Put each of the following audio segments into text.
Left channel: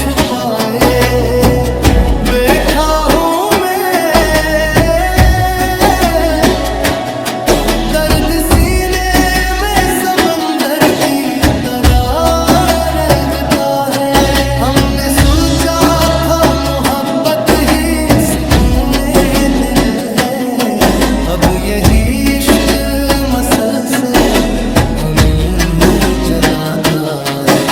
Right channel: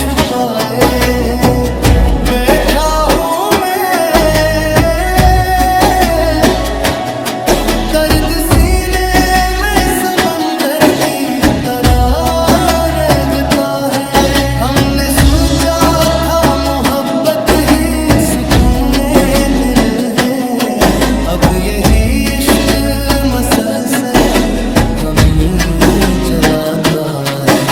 छुपाए बैठा हूँ मैं। दर्द सीने में समंदर की तरह रहता है। हमने सोचा था मोहब्बत ही सुकूने दिल है, अब यही इश्क मसलसल हमें जलाता है।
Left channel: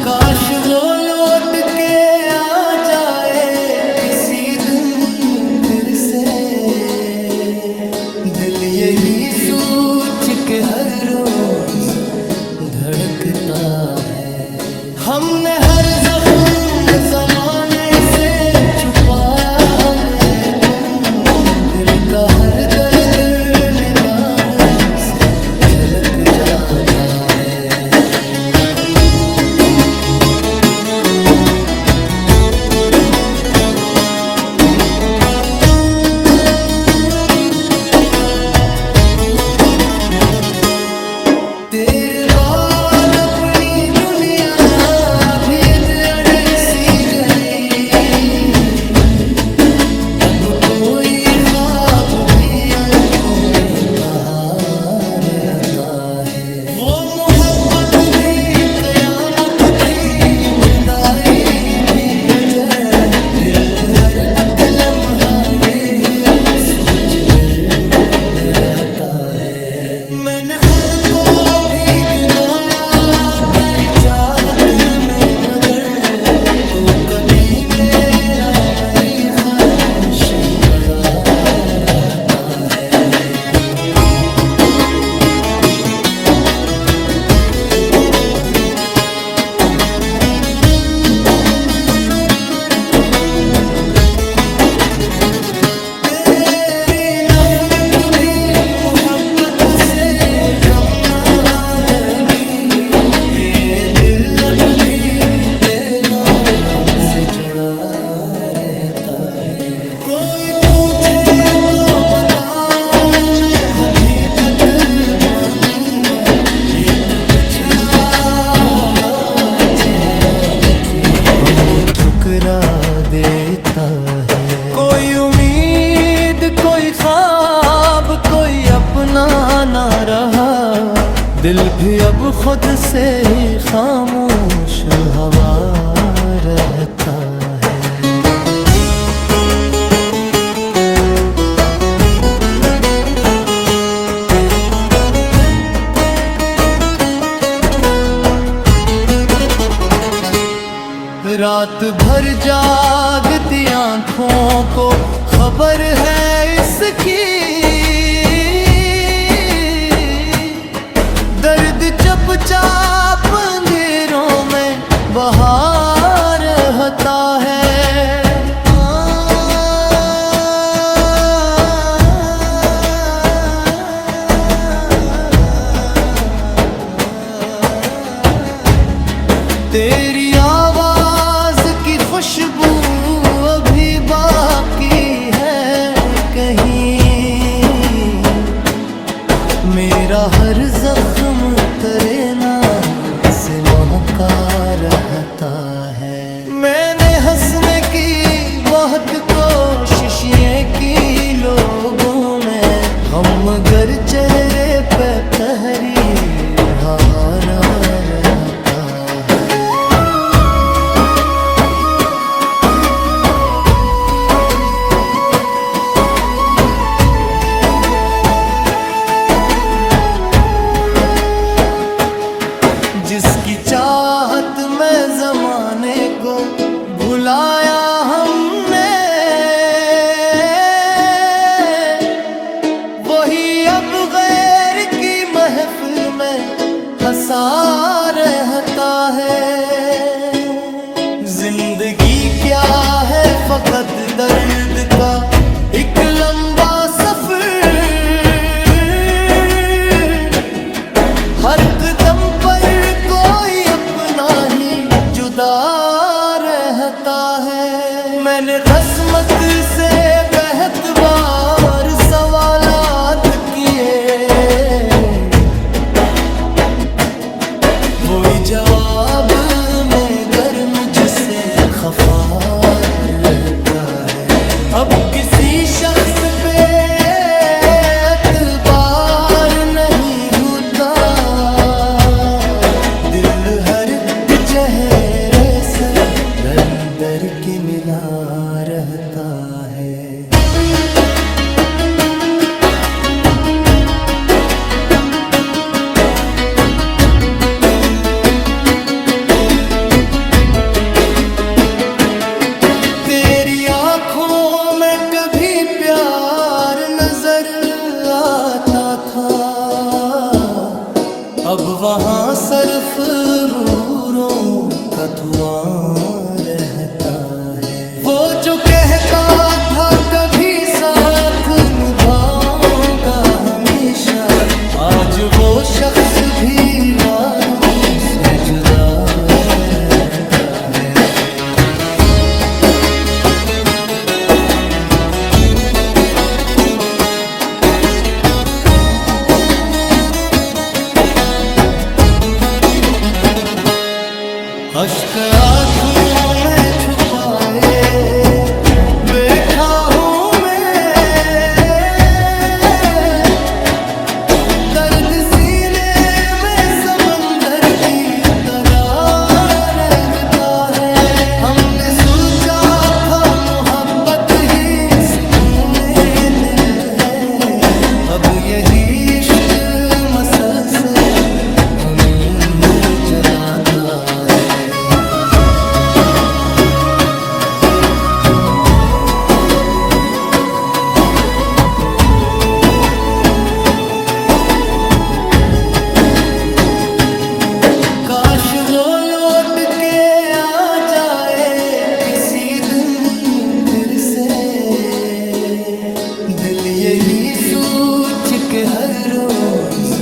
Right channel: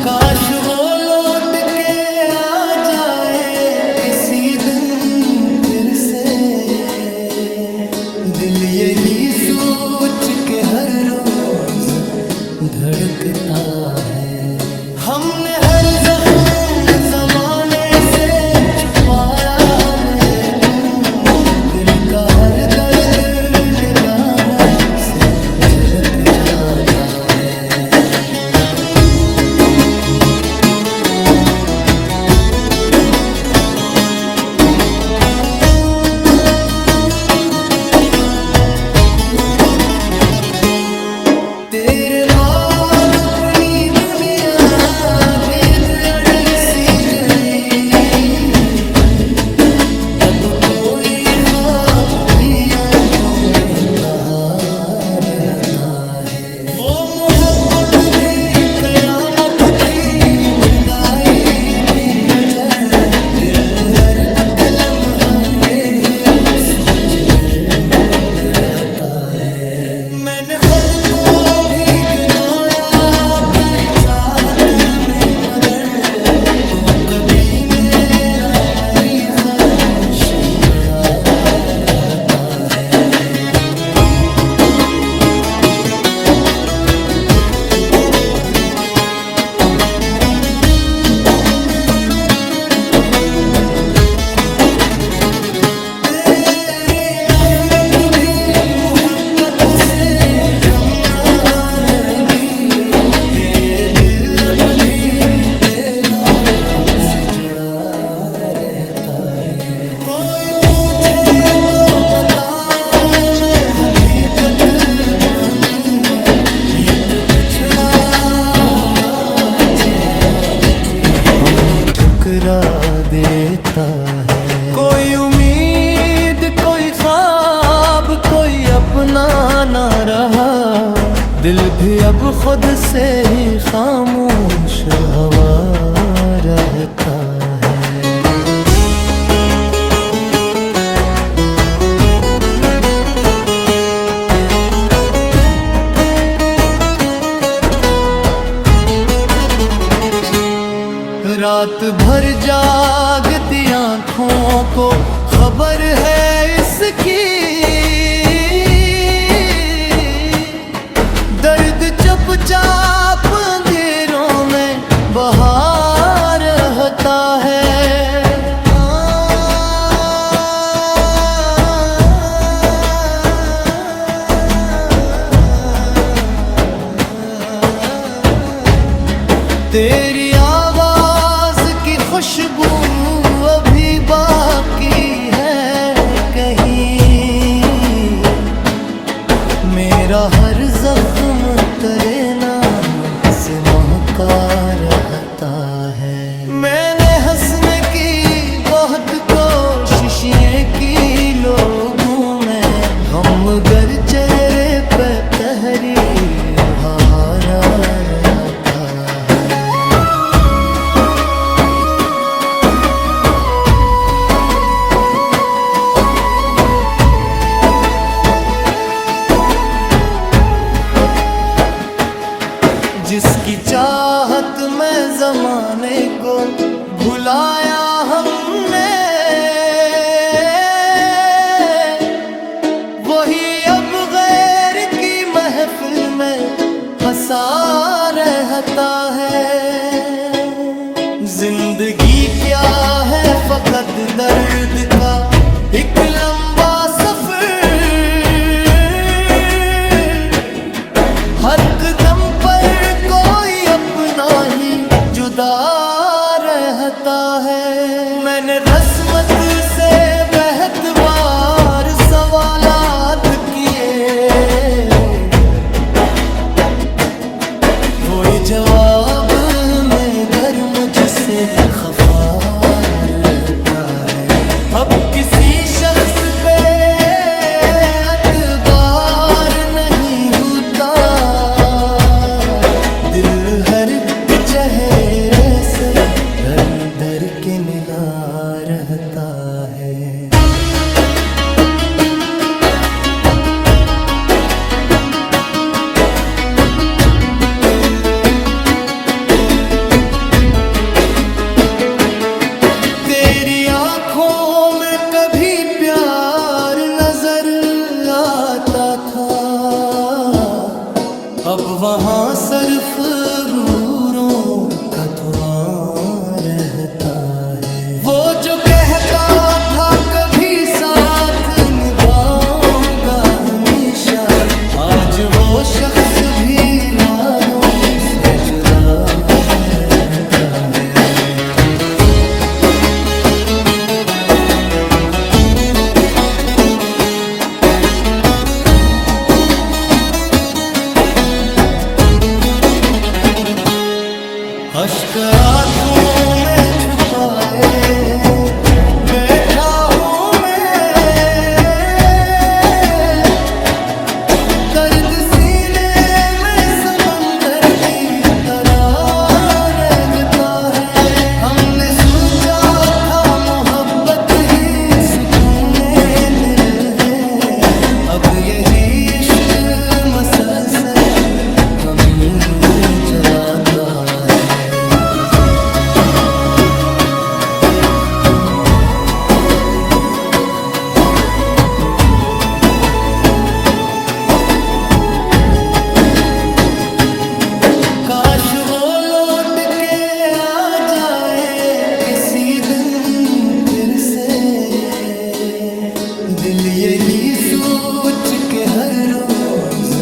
काश वो लौट के आ जाए किसी दिन फिर से, दिल यही सोच के हर रोज धड़कता है। हमने हर जख्म जमाने से छुपाया, लेकिन दिल का हर दर्द निगाहों से झलक जाता है। तेरे बाद अपनी दुनिया भी दर सी गई, अब कोई ख्वाब भी अंगों में कहाँ रहता है। वो मोहब्बत भी कयामत थी, जुदाई भी अजर, दिल हर लम्हा यही सोच कर डराता है। मैंने खुद को भी गिनोया तेरी चाहत में, मगर तो कभी मेरा मरी खामोशी पड़ा रहता है। मोहब्बत से कम ना लगी, ये दिल अब भी तेरा हमसे जुड़ा रहता है। कोई पूछे तो बताऊं मैं हकीकत पानी, एक बिछड़ा हवा चेहरा मुझे हम ठुकरा देता है। कोई उम्मीद, कोई ख्वाब, कोई अपना ना रहा, दिल भी अब खुद से ही खामोश हवा रहता है। रात भर जागती आँखों को खबर है इसकी, दर्द चुपचाप अंधेरों में बहा रहता है। तेरी आवाज की खुशबू अभी बाकी है कहीं, मेरा हर जख्म तेरे नाम से महका रहता है। मैंने हंसने की बहुत कोशिशें की लोगों में, गम गर चेहरे पे तहरीर हारा रहता है। जिसकी चाहत में जमाने को भुलाया हमने, वही अब गैर की महफिल में हंसा रहता है। जिंदगी क्या है फकत दर्द का एक लंबा सफर, हर कदम पर कोई अपना ही जुदा रहता है। मैंने रस्मत से बेहद बार सवालात किए, वही जवाब में गर मुझसे खफा रहता है। अब किसी शख्स पे एतबार नहीं होता, दिल हर एक चेहरे से दर दर के मिला रहता है। तेरी आँखों में कभी प्यार नजर आता था, अब वहाँ सिर्फ रूरों का धुआं रहता है। वो जो कहता था कभी साथ निभाऊंगा हमेशा, आज वो शख्स भी वादों से जुदा रहता है। अश्क आँखों में छुपाए बैठा हूँ मैं, दर्द सीने में समंदर की तरह रहता है। हमने सोचा था मोहब्बत ही सुकूने दिल है, अब यही इश्क मसलसल हमें जलाता है। काश वो लौट के आ जाए किसी दिन फिर से, दिल यही सोच के हर रोज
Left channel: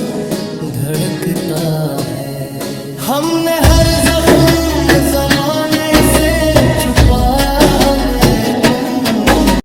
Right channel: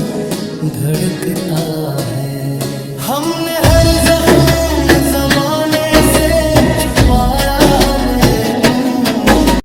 धड़कता है। हमने हर जख्म जमाने से छुपाया, लेकिन